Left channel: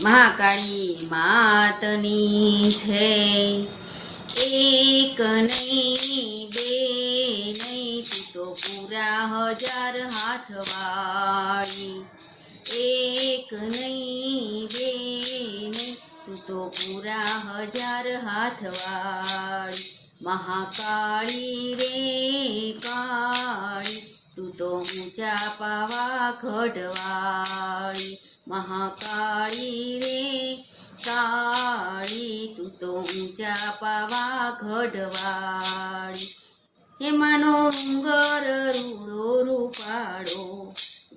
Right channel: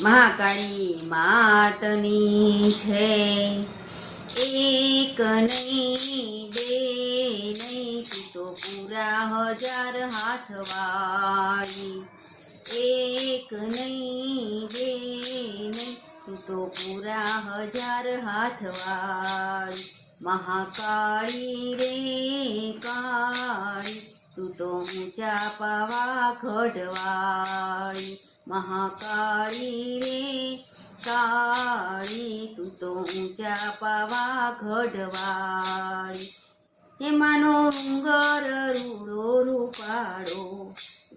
મહાકાળી માતની છે એક નહીં બે નહીં તું તો પૂરા 1000 હાથવાળી એક નહીં બે નહીં તું તો પૂરા 1000 હાથવાળી મહાકાળી રે કાળી તું તો ઊંચા પાવા ઘડવાળી મહાકાળી રે કાળી તું તો ઊંચા પાવા ઘડવાળી એમાંનો ડુંગર રૂડો રૂપાળો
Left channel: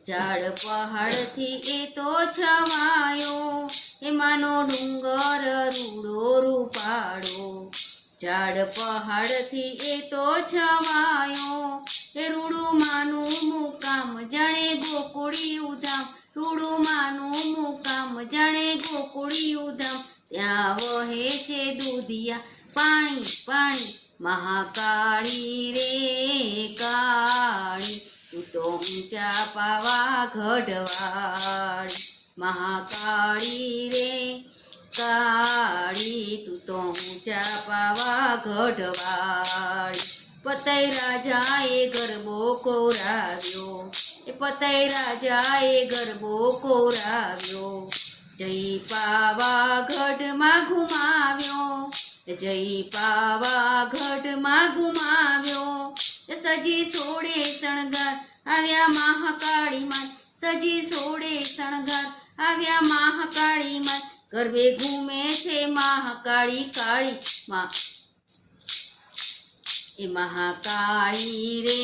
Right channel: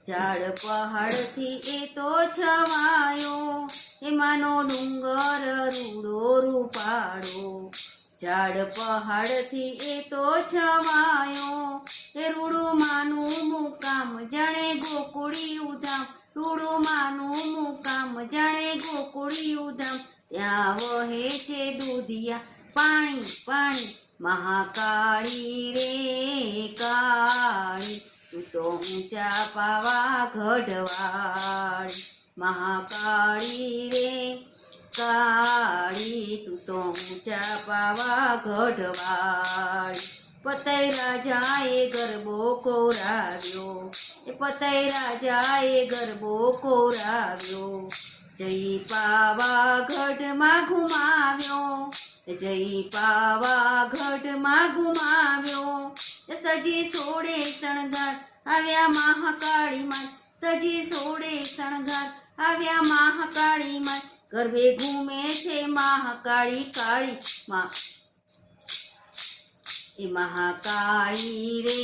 ઝાડ પહાડથી એ તો છવાયો એમાંનો ડુંગર રૂડો રૂપાળો ઝાડ પહાડથી એ તો છવાયો એ રૂડું માનું મુકામ જાણે ગોકુળિયું ધામ રૂડું માનું મુકામ જાણે ગોકુળિયું ધામ ત્યાં વહે છે દૂધિયા પાણી પાણી મહાકાળી રે કાળી તું તો ઊંચા પાવા ઘડવાળી મહાકાળી રે કાળી તું તો ઊંચા પાવા ઘડવાળી પતઈ રાજાએ ગરબો કોરાવ્યો એ પતઈ રાજાએ ગરબો કોરાવ્યો જય પાવાગઢમાં ઘુમાવ્યો જય પાવાગઢમાં ઘુમાવ્યો સજી સોળે શણગાર આવ્યા મહાકાળી માં સજી સોળે શણગાર આવ્યા મહાકાળી માં ગરબે ઘૂમે છે મહાકાળી કાળી માં એ મહાકાળી રે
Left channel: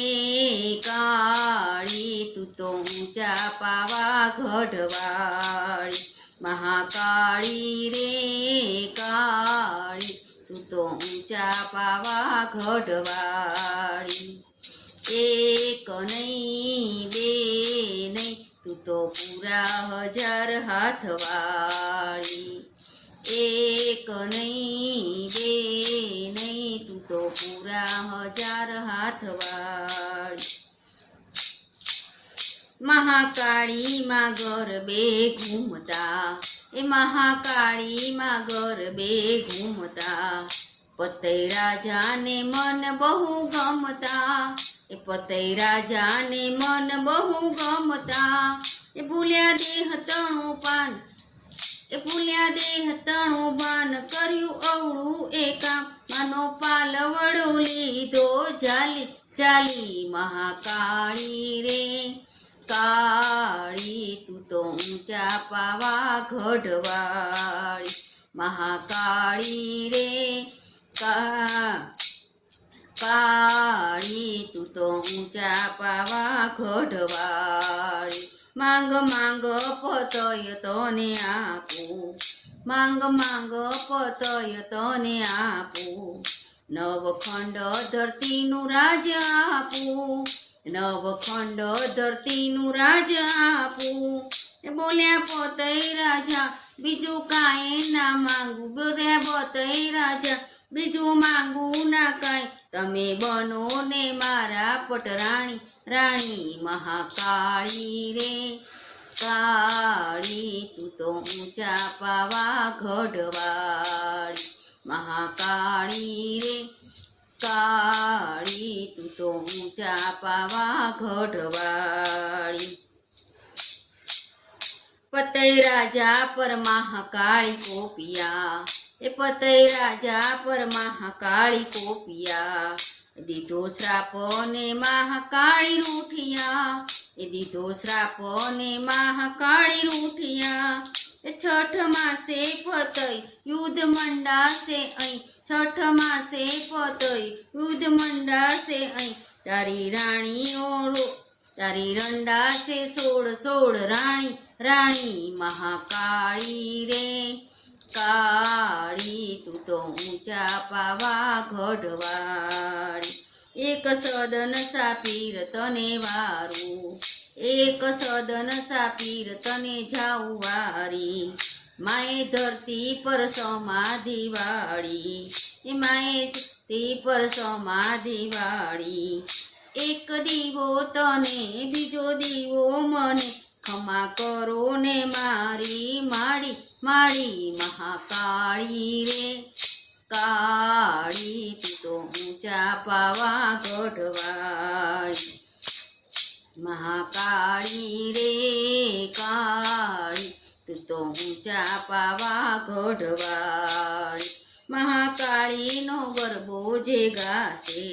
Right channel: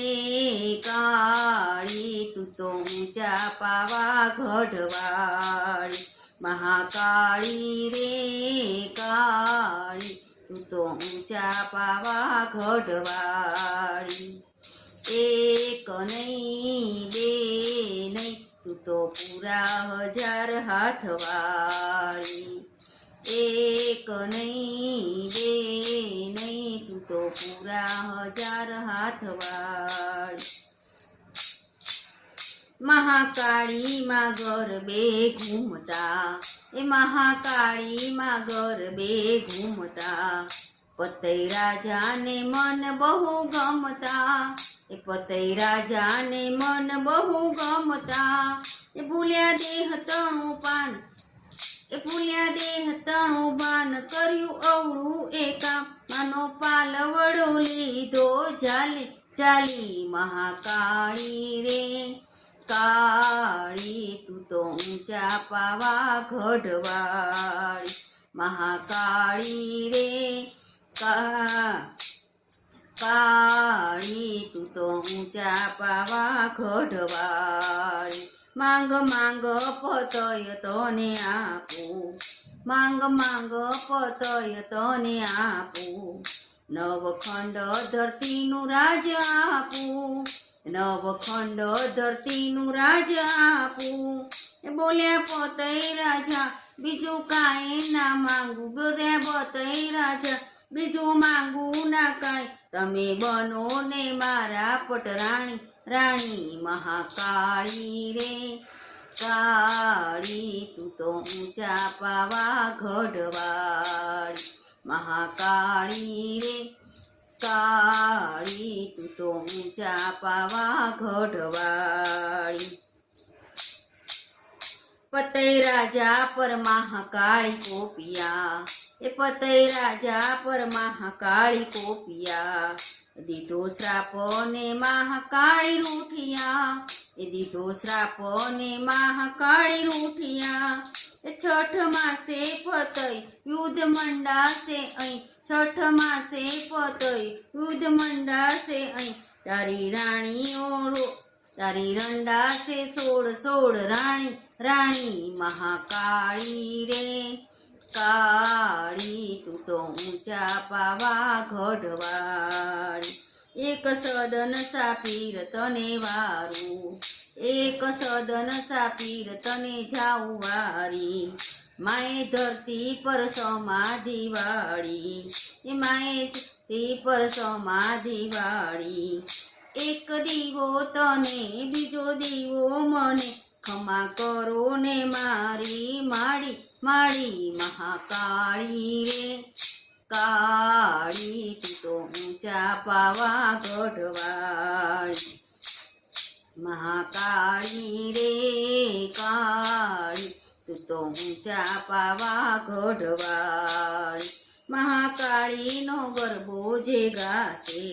કાળી તું તો ઊંચા પાવા ઘડવાળી મહાકાળી રે કાળી તું તો ઊંચા પાવા ઘડવાળી એક નહીં બે નહીં તું તો પૂરા 1000 હાથવાળી એક નહીં બે નહીં તું તો પૂરા 1000 હાથવાળી મહાકાળી માં ગરબે ઘૂમતા એ મહાકાળી માં ગરબે ઘૂમતા પતઈ રાજાને મન બહુ ગમતા એ પતઈ રાજાને મન બહુ ગમતા એ ભૂલ્યા દેહ તણું પાન એ ભૂલ્યા દેહ તણું બાન કર્યું અવળું એ કામ માનો પાલવડો લીધો ચાલી ચાલી મહાકાળી રે કાળી તું તો ઊંચા પાવા ઘડવાળી મહાકાળી રે કાળી તું તો ઊંચા પાવા ઘડવાળી માંગ માંગ પતય તને આપું માંગ માંગ પતય તને આપું નવખંડ ધરતીનું રાજ આપું નવખંડ ધરતીનું રાજ આપું એ બોલ્યા પતઈ રાજા બીજું કાંઈ ના માંગુ બોલ્યા પતઈ રાજા બીજું માંગુ ના કાંઈ તમે બનો ને મારા પટરાણી રાણી મહાકાળી રે કાળી તું તો ઊંચા પાવા ઘડવાળી મહાકાળી રે કાળી તું તો ઊંચા પાવા ઘડવાળી પતઈ રાજા પર મહાકાળી કોપિયા એ પતઈ રાજા પર મહાકાળી કોપિયા દીધો શ્રાપ ને મહાકાળી રૂઠિયા એ દીધો શ્રાપ ને મહાકાળી રૂઠિયા એ છઠ માસે પતઈ યુદ્ધ મંડાશે અહીં છઠ માસે પતઈ યુદ્ધ મંડાશે અહીં તારી રાણીઓ તારી રંડાશે 16 રાણી રાણી મહાકાળી રે કાળી તું તો ઊંચા પાવા ઘડવાળી એક સદન સાપીર તને વારું એક સદન સાપીર તને જાઉં વારી માએ ધરતી પર સમાધિ વાળી એ માએ ધરતી પર સમાધિ વાળી એક દીવો તને બીજો દીવો મને ખમા કરો ને મારી માડી મારી મહાકાળી રે કાળી તું તો ઊંચા પાવાગઢવાળી મહાકાળી રે કાળી તું તો ઊંચા પાવાગઢવાળી મહાકાળીનો ગરબો જે ગાશે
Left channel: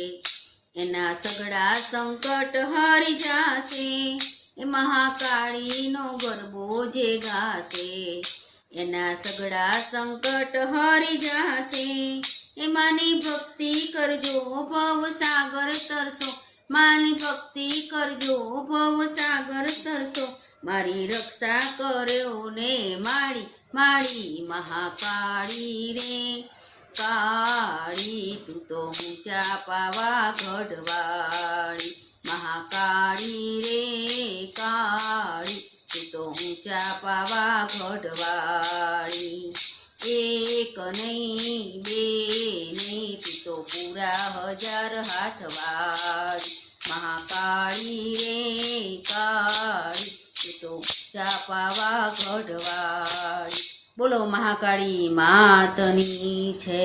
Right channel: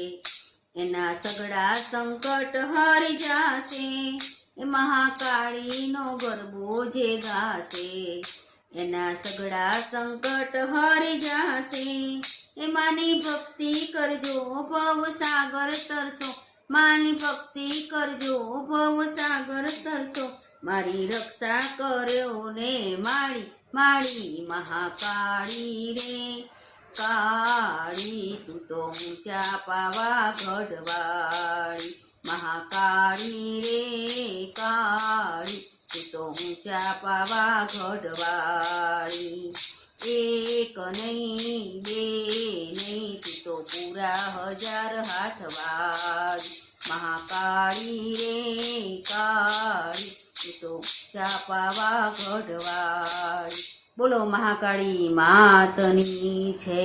એના સગડા સંકટ હરી જાશે એ મહાકાળીનો ગરબો જે ગાશે એના સગડા સંકટ હરી જાશે એ માની ભક્તિ કરજો ભવ સાગર તરસો માની ભક્તિ કરજો ભવ સાગર તરસો મારી રક્ષા કર્યો ને મારી મહાકાળી રે કાળી તું તો ઊંચા પાવાગઢવાળી મહાકાળી રે કાળી તું તો ઊંચા પાવાગઢવાળી એક નહીં બે નહીં તું તો પૂરા 1000 હાથવાળી મહાકાળી રે કાળી તું તો ઊંચા પાવાગઢવાળી બોલો મહાકાળી માતની છે।